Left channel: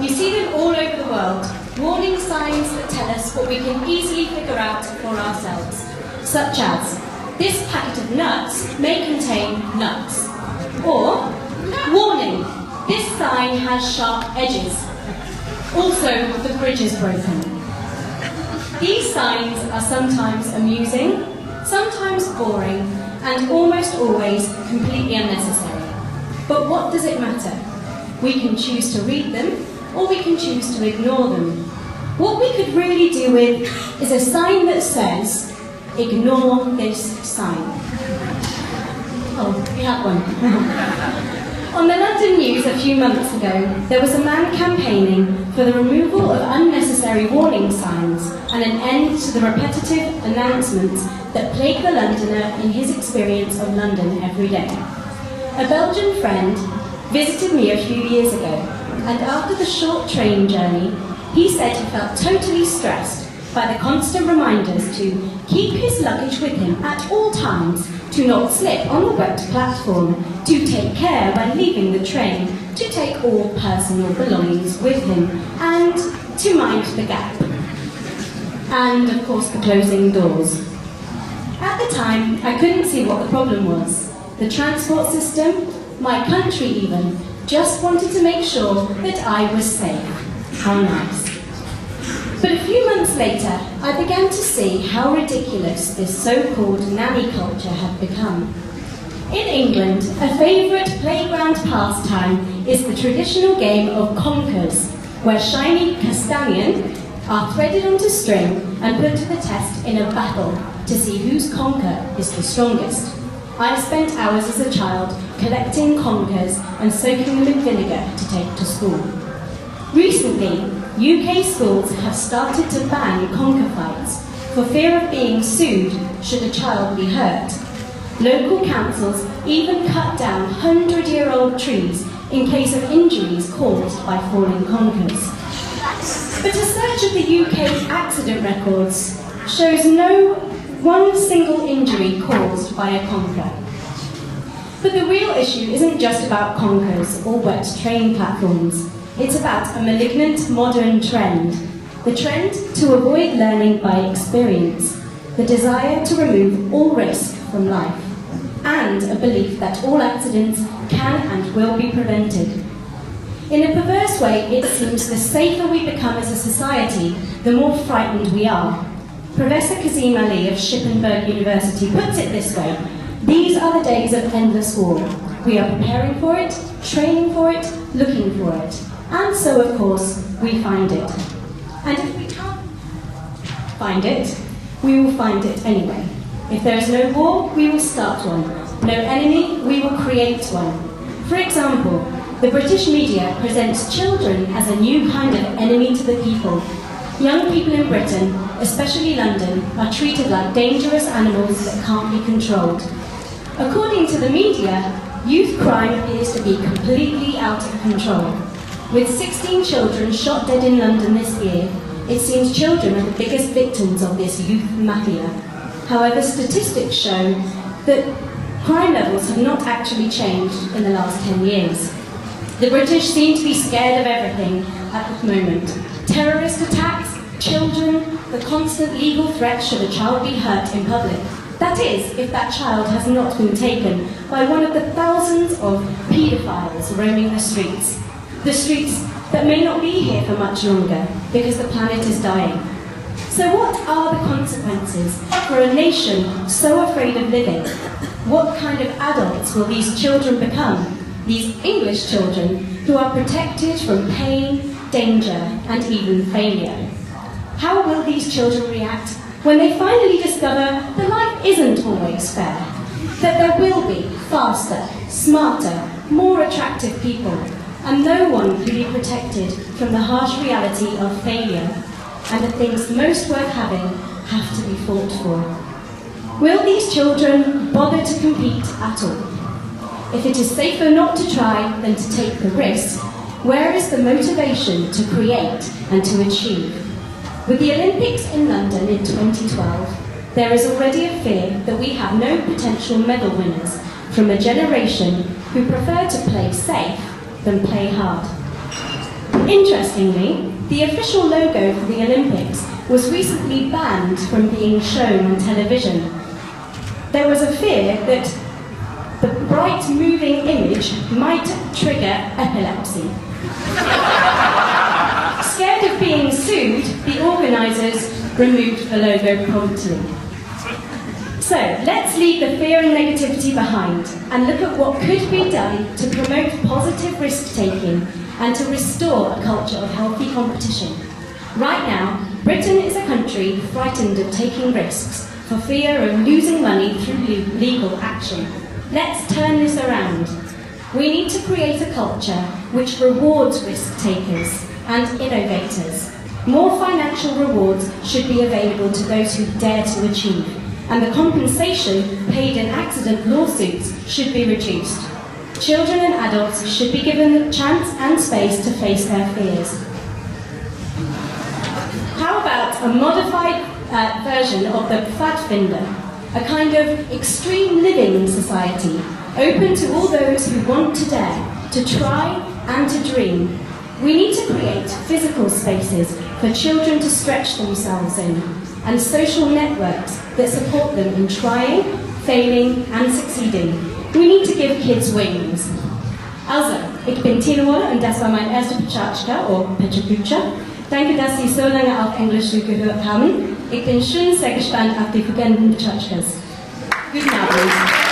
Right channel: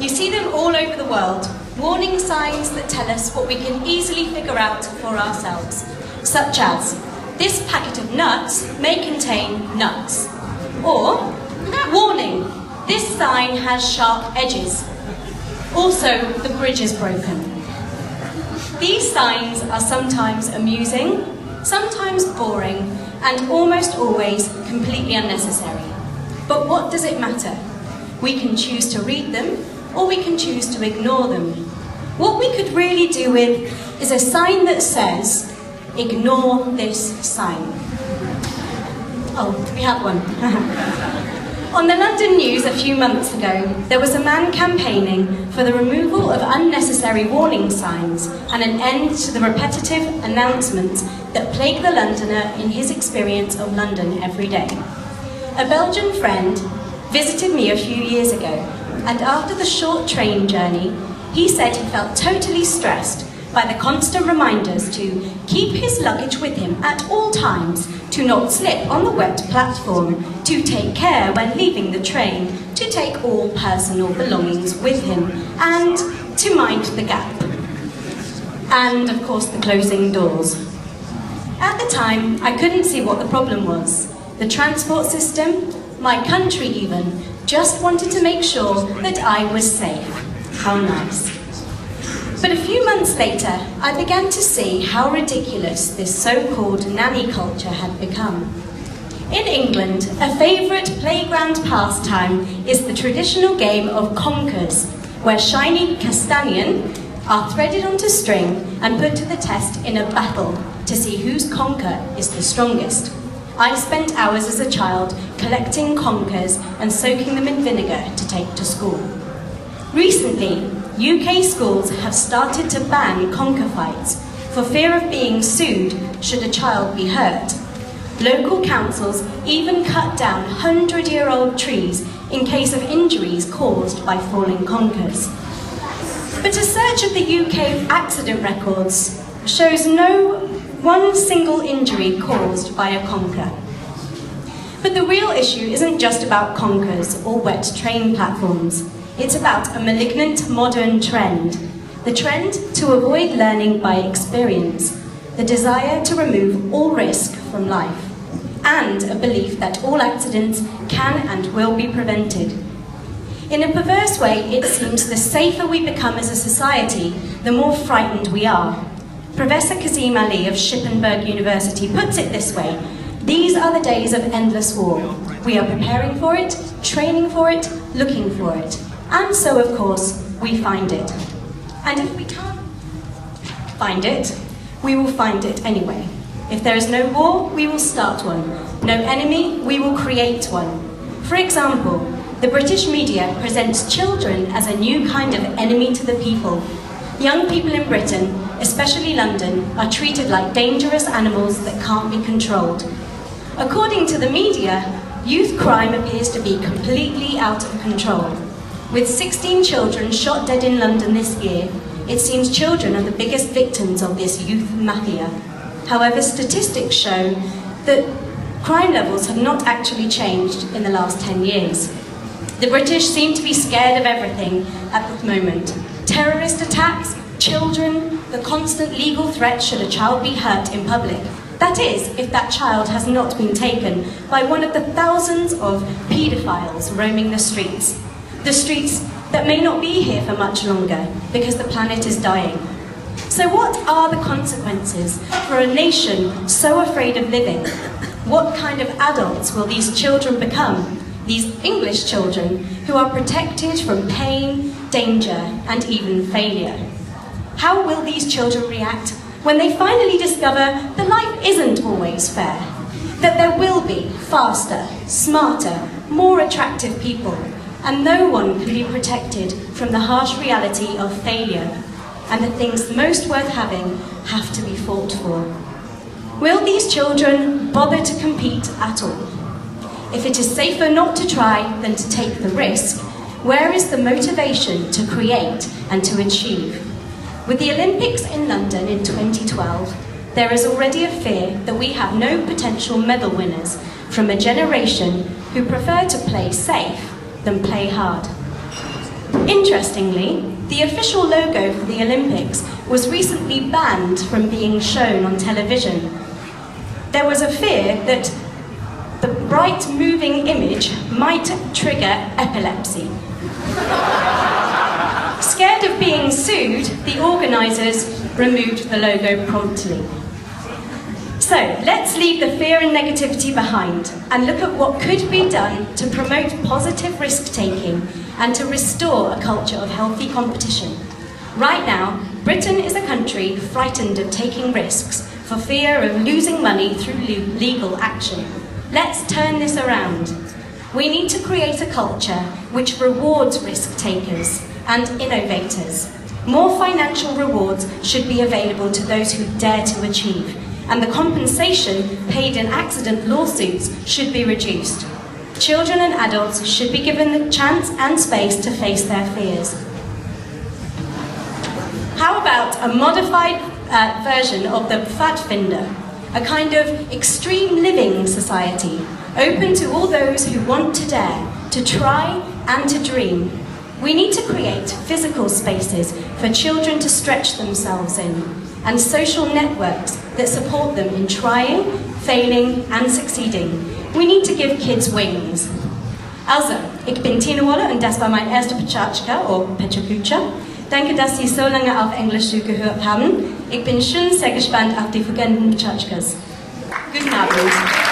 You see them all over the world, warning signs that tell us what we can easily figure out for ourselves, such as, this packet of nuts may contain nuts. Or, warning, this sign has sharp edges. Also, the bridge is broken. These signs are sometimes amusing, sometimes boring, and almost always completely unnecessary. But what does it matter? We can choose to read them, or we can choose to ignore them. What we could really do with is a sign that says, ignore this sign. Oh, we have one. On the London News a few months ago, there was a man campaigning for the removal of unnecessary warning signs and an end to the repetitive announcements that plague the Londoner in his experience of London every day. A Belgian friend visited me a few years ago, and after the short train journey, he said he felt totally stressed by the constant reminders to keep his luggage with him at all times, to not slip on the wet platform, to take care when leaving the train, to take all personal belongings with him, and to mind the gap. And, of course, the closing doors. At the time, I couldn't see what the problem was. The transport system, my country even, just wanted to make sure that I was safe. How nice. But a few months later, I began to see how ridiculous this so-called nanny culture had become. In England, a favourite playground pastime is the traditional game of conkers, where shiny castanien are threaded onto string and put to the test in a battle to see whose conker is the strongest. I spent hours as a child collecting conkers and soaking them in vinegar to take to school. Recently, UK schools have started to ban conker fights for fear of being sued should a child be hurt. Local councils even cut down 100-year-old trees in case of injuries caused by falling conkers. But a search of the UK accident records shows no one single injury caused by a conker. But the real issue isn't just about conkers or wet train platforms. It's about a malignant modern trend. The trend to avoid learning by experience, the desire to remove all risk from life, and a belief that all accidents can and will be prevented. In a perverse way, it seems the safer we become as a society, the more frightened we are. Professor Kazim Ali of Shippensburg University puts it this way: these are the days of endless war. We are preparing for it, training for it, looking for it. And so, of course, we find it. And if we can't find it, we will find it anyway. If there is no war, we will start one. No enemy, we will create one. For example, the British media presents children as a new kind of enemy to the people. Young people in Britain, especially London, are treated like dangerous animals that can't be controlled. According to the media, youth crime appears to be completely out of control. With 16 children shot dead in London this year, it seems children are the biggest victims of this youth mafia. However, statistics show that crime levels have not actually changed in the last 10 years. The British seem to be scared of everything at the moment. Terrorist attacks, children, the constant legal threat should a child be hurt in public. That is, if that child has not been taken by one of the thousands of paedophiles roaming the streets. The streets that may not be here for much longer because the planet is dying. So what are the consequences for a nation so afraid of living? What kind of adults will these children become? These English children who are protected from pain, danger, and even failure. How will these children react when they finally discover that life isn't always fair? That there will be faster, smarter, more attractive people, and no one can be protected from the harsh reality of failure, and the things most worth having have to be fought for. Will these children bother to compete at all? If it is safer not to try than to take the risk, where is the motivation to create and to achieve? With the Olympics in London in 2012, there is already a fear that we have no potential medal winners from a generation who prefer to play safe than play hard. Interestingly, the official logo for the Olympics was recently banned from being shown on television. There was a fear that the bright moving image might trigger epilepsy. Scared of being sued, the organisers removed the logo promptly. So, let's leave the fear and negativity behind and look at what could be done to promote positive risk-taking and to restore a culture of healthy competition. Right now, Britain is a country frightened of taking risks for fear of losing money through legal action. Let's turn this around. We need to create a culture which rewards risk-takers and innovators. More financial rewards should be available to those who dare to achieve, and the compensation paid in accident lawsuits should be reduced. Children and adults should be given the chance and space to face their fears. How about a modified version of the Pfadfinder, a kind of extreme living society, open to all those who want to dare, to try and to dream. We need to create physical spaces for children to stretch themselves in, and social networks that support them in trying, failing and succeeding. We need to give kids wings. Also, ich bin Tina Wolle und das war mein erster Pecha Kucha. Danke, dass Sie so lange auf Englisch gehört haben. Ich bin schon sehr gespannt auf die folgenden Pechachas. Guten Abend.